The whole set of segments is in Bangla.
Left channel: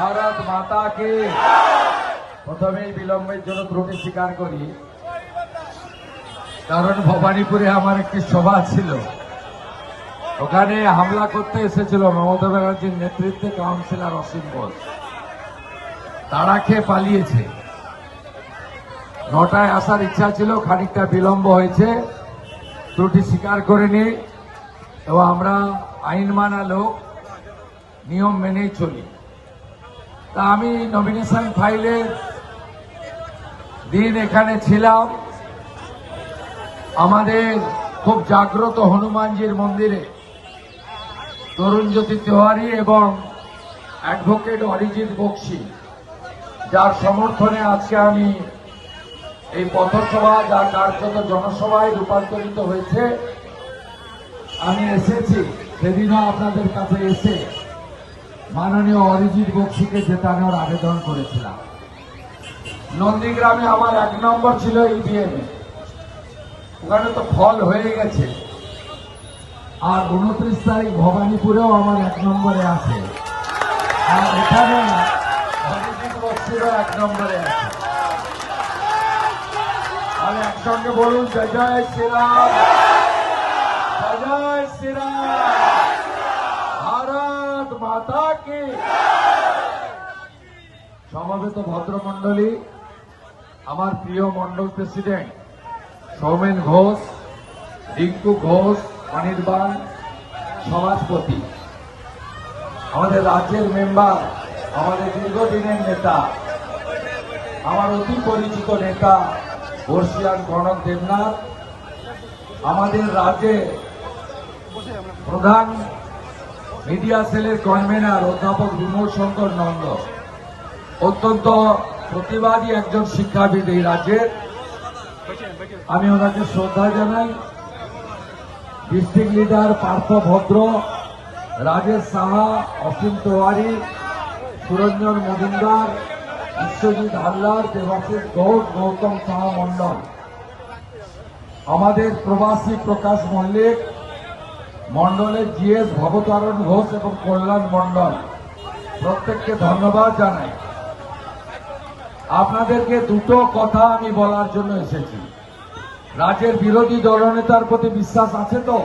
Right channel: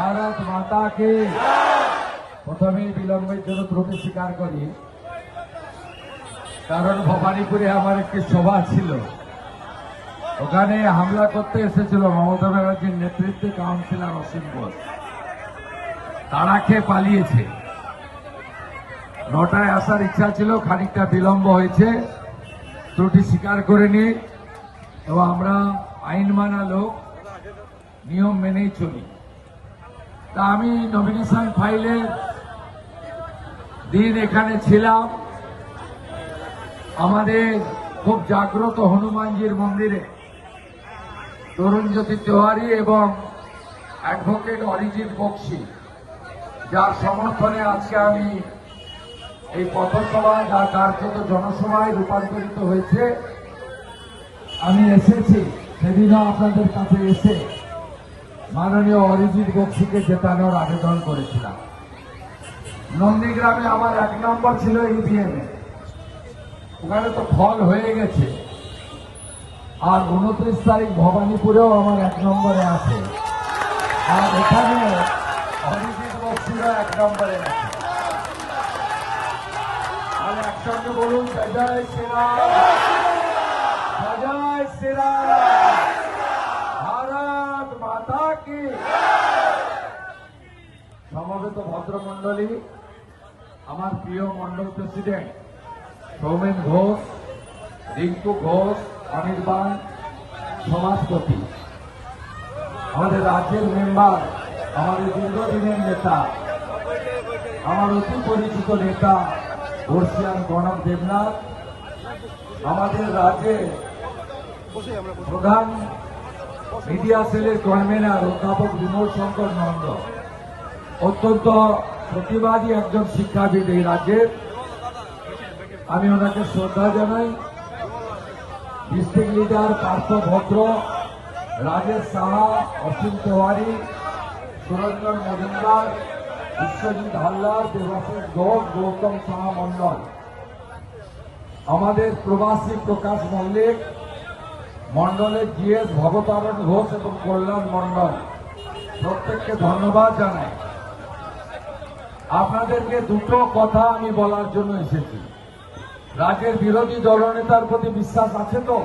ভারত মাতাকে। প্রথমেই বিলম্বের জন্য ত্রুটি স্বীকার করি, কারণ ভবানীপুরে আমার একটি সভা ছিল, ওখানে হামলা করতে এসেছিল মমতা ব্যানার্জির নেতৃত্বে কাউন্সিলর অসীম ঘোষ। তারা খেয়ে পালিয়েছে। 9টায় আসার ইচ্ছা ছিল, খানিকটা বিলম্ব হয়েছে, ত্রুটি স্বীকার করে নিই এবং আমরা আইন মানা লোক, নিয়ম মেনেই চলি। তা আমি নমিনেশন ফাইলের দিন এখানে ছিলাম, আমাদের খুব জাগ্রত হনুমানজির মন্দিরে তরুণজ্যোতি তিওয়ারি এবং অ্যাডভোকেট অরিজিৎ বক্সি, যার সমর্থনে আজকে আমি এই পথসভা যা কার্যত জনসভায় রূপান্তরিত হয়েছে, আমি এসেছি। সেদিনও আপনাদের কাছে এসে মাননীয় অরিজিৎ বক্সিকে জেতানোর আবেদন করেছিলাম। নন্দীগ্রামে আমার 1 নম্বর ছিল ইভিএম, ওখানে তো ফল হয়ে গেছে। আর 29 তারিখ ভবানীপুরেও আমার 1 নম্বরে আছে, আর এখানে অরিজিৎ বক্সিরা 1 নম্বরে আছে। আর একসঙ্গে বলুন, জয় শ্রীরাম, জয় শ্রীরাম, ভারত মাতা কি। সমবেত ভদ্রমন্ডলী, আমার প্রিয় মন্ডল প্রেসিডেন্ট সৌমেন ঘোষ, রিঙ্কু ঘোষ, অনির্বাণ, সমাজপতি, আমাদের রাজ্যের মেম্বার, আমাদের দীর্ঘদিনের নেতা, আমার অতি পরিচিত নেতা বর্ষিয়ান কনক দেবনাথ, আমাদের রাজ্যের প্রধান মিডিয়া সেলের কনভেনার অধ্যাপক বিমল শঙ্কর নন্দ, অত্যন্ত প্রতিবাদী একজন শিক্ষাবিদ এই রাজ্যের, আমি ওনাকে শ্রদ্ধা জানাই। ডিস্ট্রিক্ট লিডার পার্থ ভদ্র, রাজেশ সাহা, অসীম তিওয়ারি, সুরঞ্জন মজুমদার, বিশ্বজিৎ হালদার, দেবাশিস ঘোষ, গৌতম সাহা মন্ডল, আমাদের প্রবাসী প্রকাশ মল্লিক, মন্ডলের জিএস ভবতারণ ঘোষ এবং কল্যাণ মন্ডল, প্রত্যেককে ধন্যবাদ জানাই। আপনাদেরকে দুটো কথা আমি বলার জন্য এসেছি। রাজ্যের বিরোধী দলনেতার প্রতি বিশ্বাস আছে তো?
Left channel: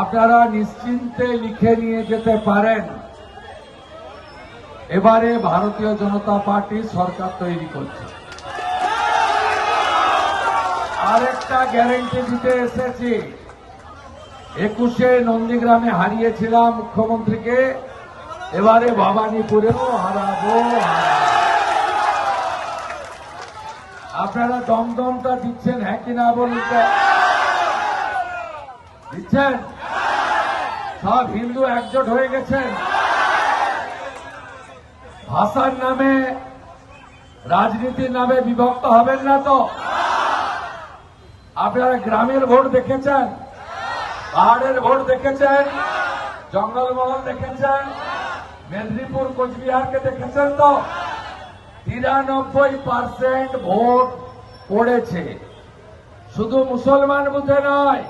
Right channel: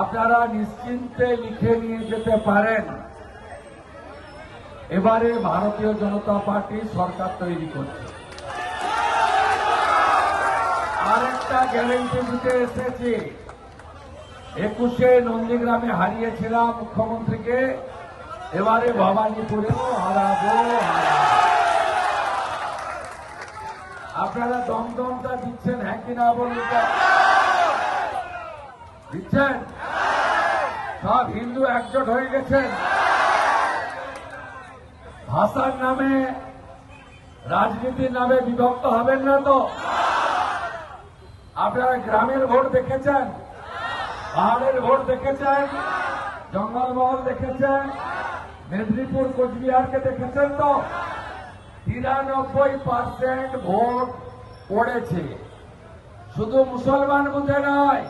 আপনারা নিশ্চিন্তে লিখে নিয়ে যেতে পারেন, এবারে ভারতীয় জনতা পার্টি সরকার তৈরি করছে। আরেকটা গ্যারেন্টি দিতে এসেছি, 21-এ নন্দীগ্রামে হারিয়েছিলাম মুখ্যমন্ত্রীকে, এবারে ভবানীপুরেও হারাবো। আপনারা দমদমটা দিচ্ছেন, হ্যাঁ কিনা বলুন? দিচ্ছেন? সব হিন্দু একজোট হয়ে গেছেন। ভাষার নামে, রাজনীতির নামে বিভক্ত হবেন না তো? আপনারা গ্রামের ভোট দেখেছেন, পাহাড়ের ভোট দেখেছেন, জঙ্গলমহল দেখেছেন, মেদিনীপুর কোচবিহারকে দেখেছেন তো? 93% ভোট পড়েছে। শুধু মুসলমান বুথে নয়,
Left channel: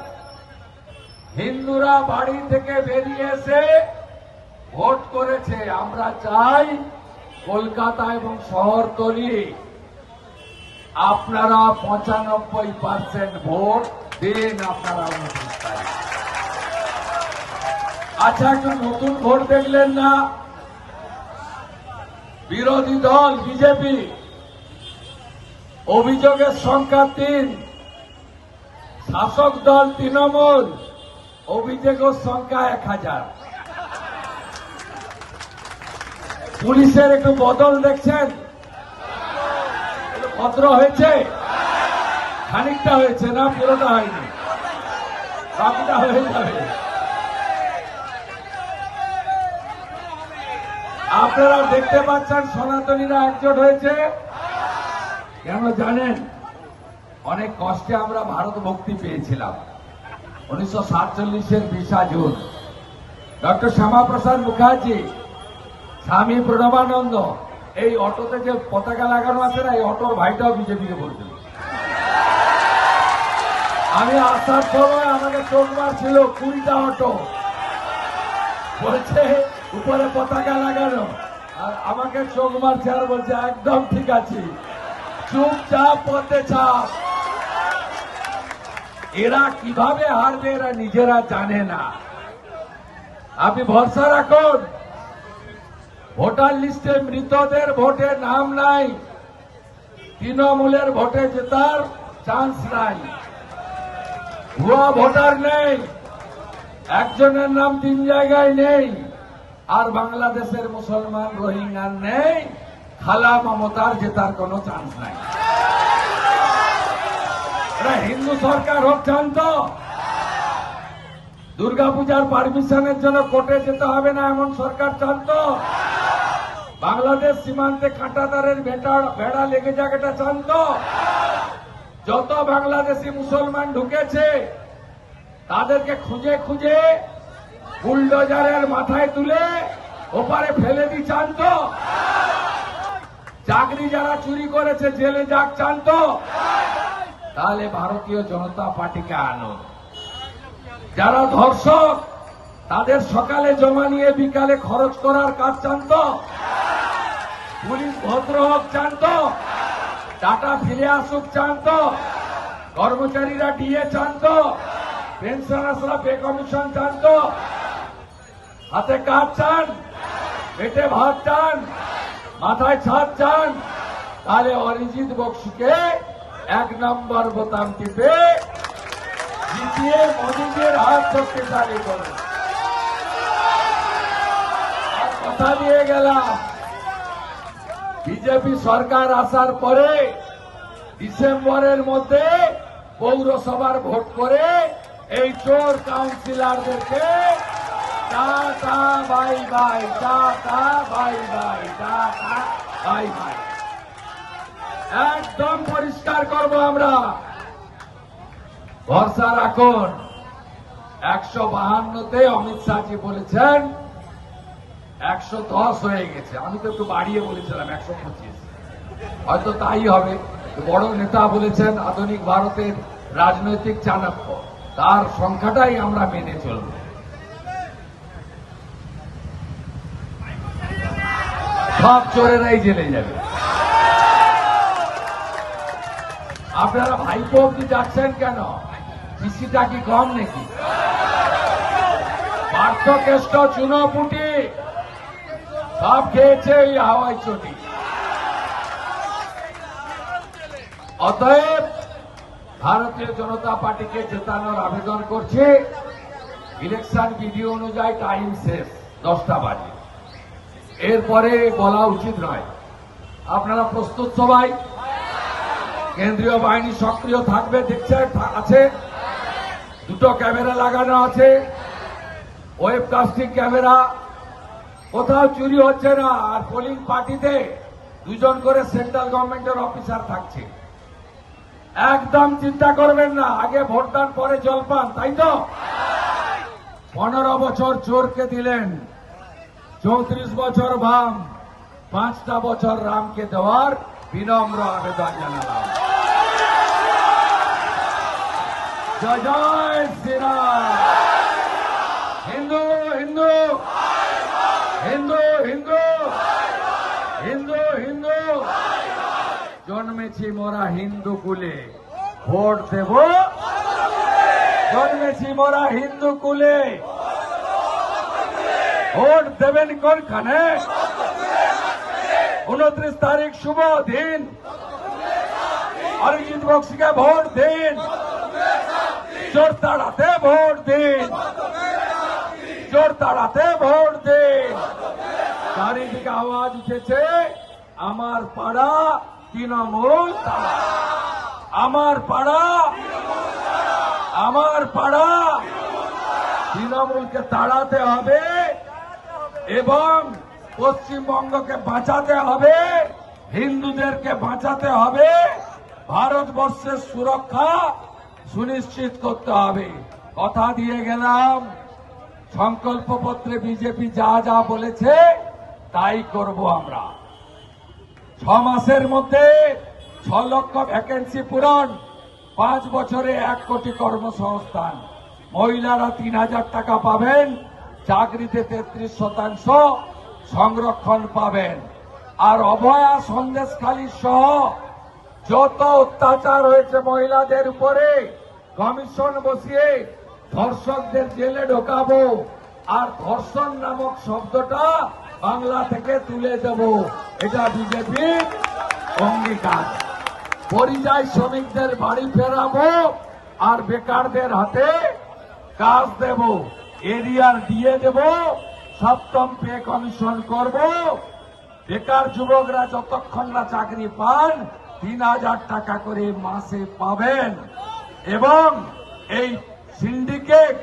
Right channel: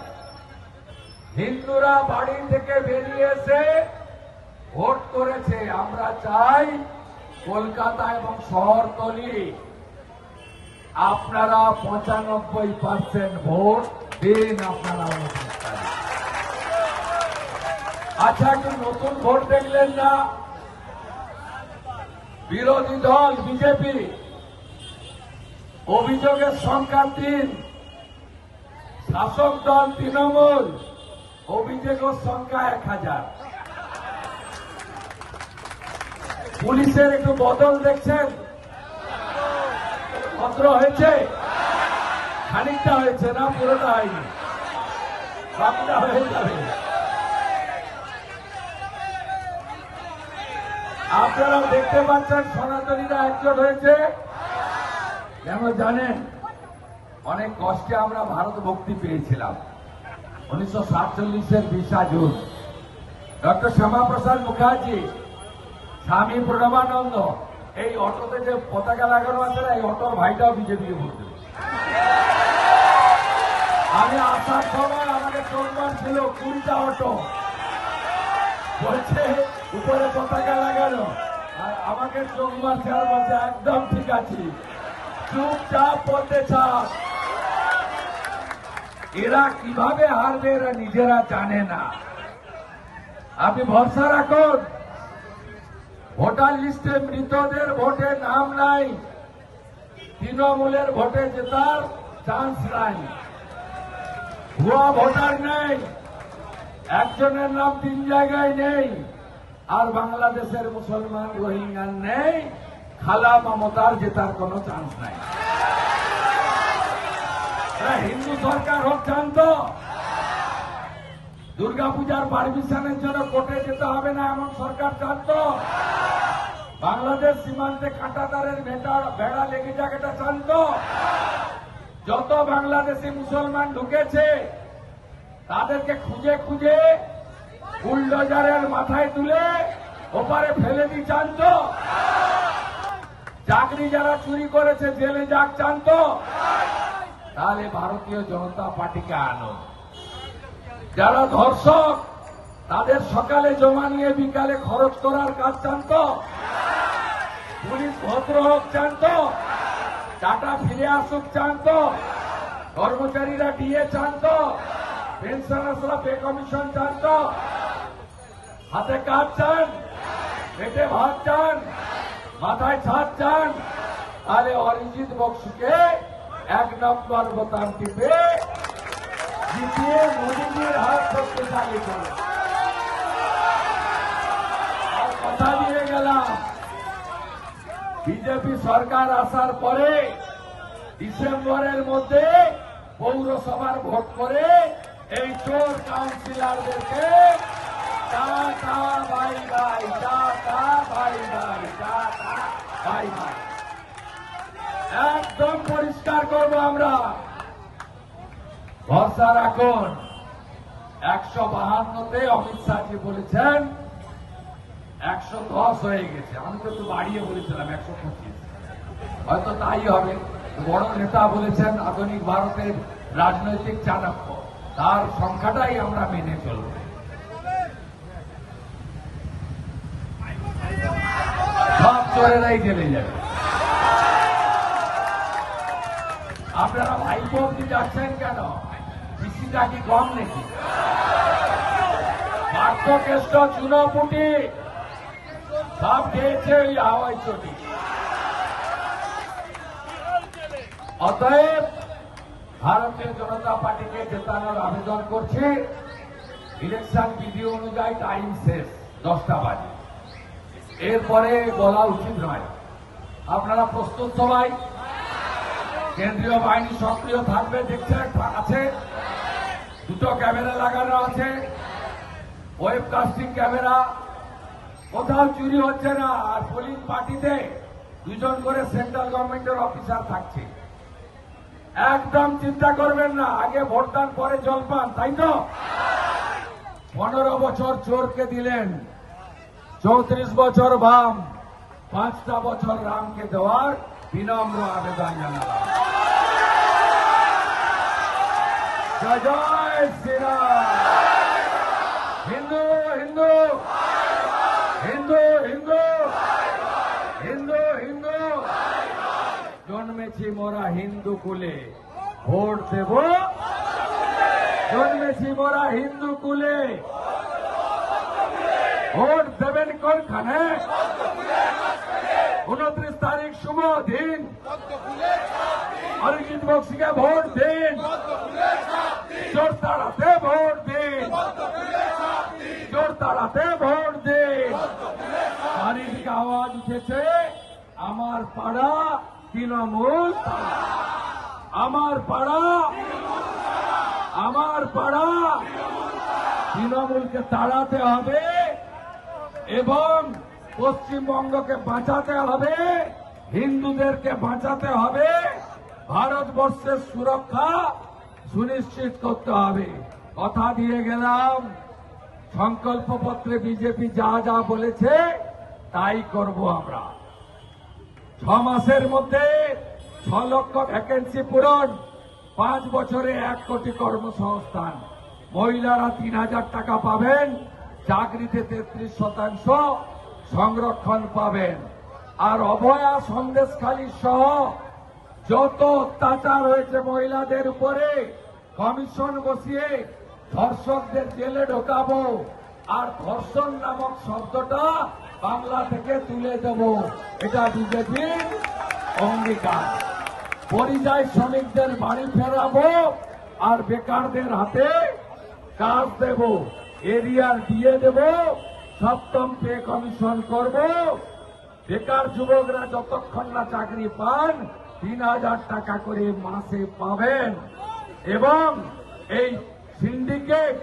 হিন্দুরা বাড়ি থেকে বেরিয়ে এসে ভোট করেছে। আমরা চাই কলকাতা এবং শহরতলি আপনারা 95% ভোট দিন। আপনারা আচ্ছা, কি নতুন ভোট দেখলেন না? বিরোধী দল বিজেপি অভিযোগের সংখ্যা 3, শাসক দল তৃণমূল অভিযোগের সংখ্যা 1000। পুলিশের একটু বদল দেখছেন? ভদ্র হয়েছে, খানিকটা হয়েছে না, পুরোটা হয়নি, বাকিটা হয়ে যাবে। আপনারা দেখতে পাচ্ছেন সনাতনীরা একজোট হয়েছে কেন জানেন? অনেক কষ্টে আমরা ভারত মুক্তি পেয়েছিলাম 1947-এর 20 জুন। ডক্টর শ্যামাপ্রসাদ মুখার্জি, স্বামী প্রণবানন্দ, এই অটোতে যে পতাকা লাগানো আছে না, এই অটোর ভাইটাও বিজেপিকে ভোট দিল। আমি আসার সময় আমাদের চোখবার ছিল 20টা অটো, বলছে উপরে পতাকা লাগানো, আর আমাকে চোখ মারছে আর বলছে একদম ঠিক আছে, চুপচাপ পথে চাপ। এরা কিভাবে হারবে এরা নিজেরা জানে না। আপনি ভরসা রাখুন, ভোটার লিস্টে মৃতদের ভোটে নাম নাই, তৃণমূলের ভোটে জেতার চান্স নাই, ভুয়া ভোটার নেই, একজনের নাম 3 জায়গায় নেই, আর বাংলাদেশের মুসলমান রোহিঙ্গার নেই, খালা মমতার জেতার কোন চান্স নাই। এরা হিন্দু সরকার হোক জানত, দুর্গাপূজার পারমিশনের জন্য কোর্টে যেতে হবে না এমন সরকার জানত, বাংলাদেশ সীমান্তে কাঁটাতারের ভেড়া লেগে যাক এটা জানত, যত বাংলাদেশি মুসলমান ঢুকেছে তাদেরকে খুঁজে খুঁজে বুলডোজারের মাথায় তুলে ওপারে ফেলে দি জানত, চাকরি যারা চুরি করেছে জেলে যাক জানত। তাহলে ভারতীয় জনতা পার্টিকে আনো। যারা ধর্ষক তাদের সকালে জমা নিয়ে বিকালে খরচ করার কাজ জানত, পুলিশ ভদ্র হোক জানত, টাকা ফিরে আসুক জানত, কর্মচারীরা ডিএ জানত, পেনশনার্সরা পে কমিশন জানত, হাতে কাজ চান, পেটে ভাত চান, মাথায় ছাদ চান, তাহলে অরিজিৎ বক্সিকে 1 নম্বর বোতাম টিপে জিতিয়ে মোদীজির হাত শক্তিশালী করে। কথা দিয়ে গেলাম, বিজেপি সরকার আসার পরে ডিসেম্বরের মধ্যে পৌরসভার ভোট করে এই চোর কাউন্সিলরদেরকে tata bye bye, tata bye bye, tata bye bye, একদম পরিষ্কার করব আমরা। ভরসা রাখুন। 152তে অমিত শাহজি বলেছেন 110 হয়ে গেছে, আমি তো একটু বাড়িয়ে বলেছিলাম 125, হয়তো তাই হবে। বড় নেতা বলেছেন আধুনিক ভারতের রাজনৈতিক চাণক্য, তার সংখ্যাটাই আমরা মেনে চলব। সব চোরেরাই জেলে যাবে। আপনারা ভাইপো অব্দি যাচ্ছেন কেন? কৃষিটা কি কম নাকি? পার্থকেষ্ট চুনোপুটি সব খেয়েছে এই হাওয়াই চটি। অতএব ভারতীয় জনতা পার্টিকে জেতানোর আবেদন করছে। ইলেকশন বিধি অনুযায়ী টাইম শেষ 10টা বাজে, এরপরে বলা উচিত নয়। আপনারা প্রস্তুত সবাই? কেন্দ্রীয় বাহিনী সক্রিয় থাকবে, দেখছে আছে, 2টো ক্যামেরা লাগানো আছে, ওয়েবকাস্টিং ক্যামেরা, কোথাও চুরি হচ্ছে না। আর পোলিং পার্টিতে 2জন করে সেন্ট্রাল গভর্নমেন্টের অফিসার থাকছে। একদম চিন্তা করবেন না, আগে ভোটদান পরে জলপান, তাই তো? 15 বছর চোরকে দিলেন, 34 বছর বাম, 5টা বছর রামকে দেওয়ার বিনম্র আবেদন জানালাম। জয় জয় শ্রীরাম। হিন্দু হিন্দু হিন্দু হিন্দু হিন্দু হিন্দু, জন্মেছি মোরা হিন্দু কুলে, ভোট দেব। জন্মেছি মোরা হিন্দু কুলে, ভোট দেবেন কোনখানে? 29 তারিখ শুভ দিন, অরিজিৎ বক্সিকে ভোট দিন, চোর তাড়াতে ভোট দিন, চোর তাড়াতে ভোট দিন। চারিদিকে আওয়াজ উঠেছে, আমার পাড়া তৃণমূল তাড়া, আমার পাড়া, আমার পাড়া। তৃণমূলকে তাড়াতে হবে এবং পশ্চিমবঙ্গকে বাঁচাতে হবে, হিন্দুদেরকে বাঁচাতে হবে, ভারতবর্ষের সুরক্ষা সুনিশ্চিত করতে হবে। কথা দিয়ে গেলাম, সংকল্পপত্রে বিজেপি যা যা বলেছে তাই করব আমরা। 6 মাসের মধ্যে 6 লক্ষ ভ্যাকেন্সি পূরণ, 5 বছরে 1 কোটি কর্মসংস্থান, মহিলারা 3000 টাকা পাবেন, চাকরিতে 33% সংরক্ষণ পাবেন। আর অভয়া সন্দেশখালী সহ যত অত্যাচার হয়েছে মহিলাদের উপরে কমিশন বসিয়ে ধর্ষকদের জেলে ঢোকাবো, আর ধর্ষণ নামক শব্দটা বাংলা থেকে তুলে দেব। এটা বিজেপির অঙ্গীকার। পরিযায়ী শ্রমিকদের বাড়ি ফেরাবো আর বেকারদের হাতে কাজ দেব, এরিয়ার দিয়ে দেব, 7ম পে কমিশন করব। বেকার যুবকরা যতক্ষণ না চাকরি পান 3000 টাকা করে মাসে পাবেন। এবং এই সিন্ডিকেট,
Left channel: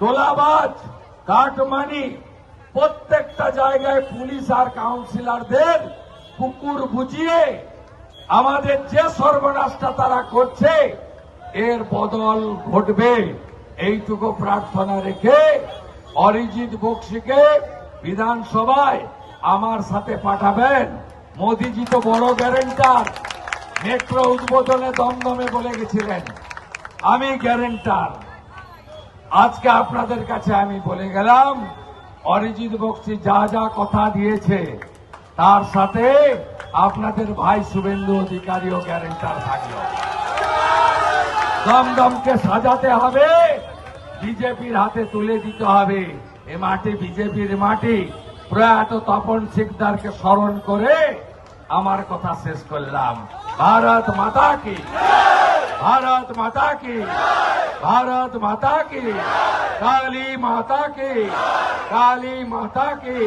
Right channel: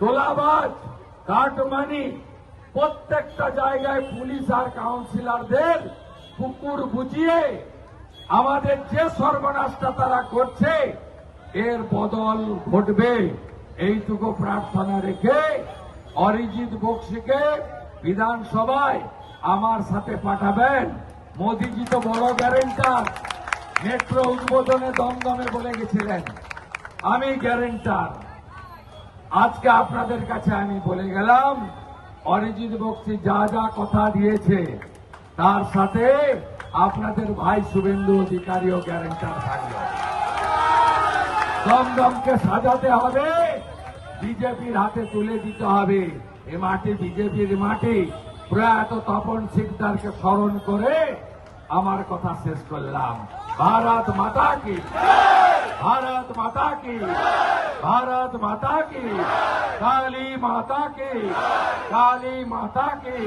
তোলাবাজ, কাটমানি প্রত্যেকটা জায়গায় পুলিশ আর কাউন্সিলরদের কুকুর বুঝিয়ে আমাদের যে সর্বনাশটা তারা করছে এর বদল ঘটবে, এইটুকু প্রার্থনা রেখে অরিজিৎ বক্সিকে বিধানসভায় আমার সাথে পাঠাবেন। মোদিজি তো বড় গ্যারেন্টার, মেট্রো উদ্বোধনে দমদমে বলে গেছিলেন আমি গ্যারেন্টার। আজকে আপনাদের কাছে আমি বলে গেলাম অরিজিৎ বক্সি যা যা কথা দিয়েছে তার সাথে আপনাদের ভাই শুভেন্দু অধিকারীও গ্যারেন্টার থাকলো। দমদমকে সাজাতে হবে, বিজেপির হাতে তুলে দিতে হবে। এ মাটি বিজেপির মাটি। প্রয়াত তপন সিকদারকে স্মরণ করে আমার কথা শেষ করলাম। ভারত মাতা কি, ভারত মাতা কি, ভারত মাতা কি, কালী মাতা কি, কালী মাতা কি,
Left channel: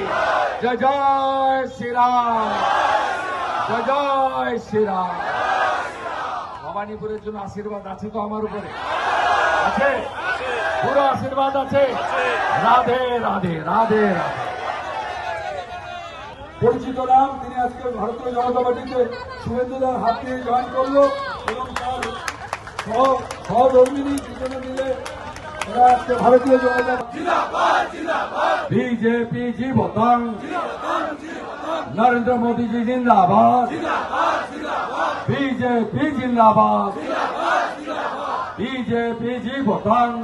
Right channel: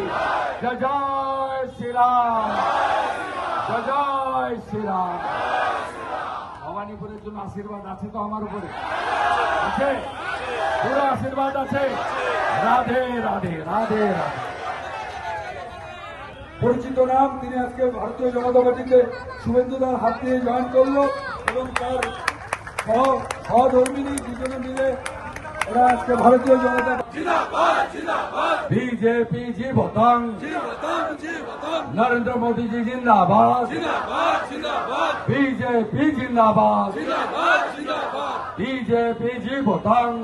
জয় জয় শ্রীরাম, জয় জয় শ্রীরাম। ভবানীপুরের জন্য আশীর্বাদ আছে তো আমার উপরে? আছে, পুরো আশীর্বাদ আছে। রাধে রাধে রাধে। পরিচিত নাম, তিনি আজকে ভারতীয় জনতা পার্টিতে শুভেন্দুদার হাত দিয়ে জয়েন করলো এবং তার সহধর্মিনী দুজনে মিলে ওরা আজকে ভারতীয় জনতা बीजेपी जी भोतांग, नरेंद्र मोदी जी जिंदाबाद, बीजेपी जिंदाबाद, बीजेपी जी भोतांग।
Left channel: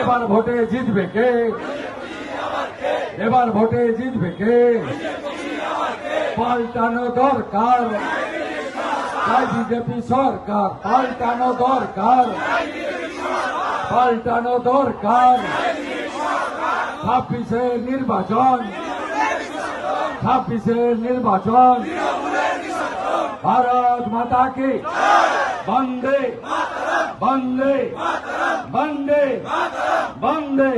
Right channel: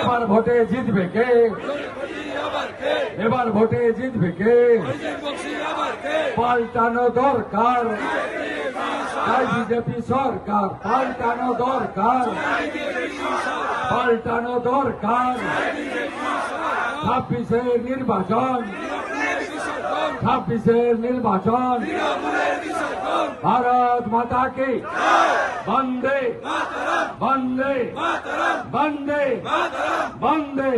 এবার ভোটে জিতবে কে? এবার ভোটে জিতবে কে? পাল্টানো দরকার, তাই বিজেপি সরকার পাল্টানো দরকার, পাল্টানো দরকার। 26 নির্বাচন, 26 নির্বাচন। ভারত মাতা কি, বন্দে বন্দে বন্দে বন্দে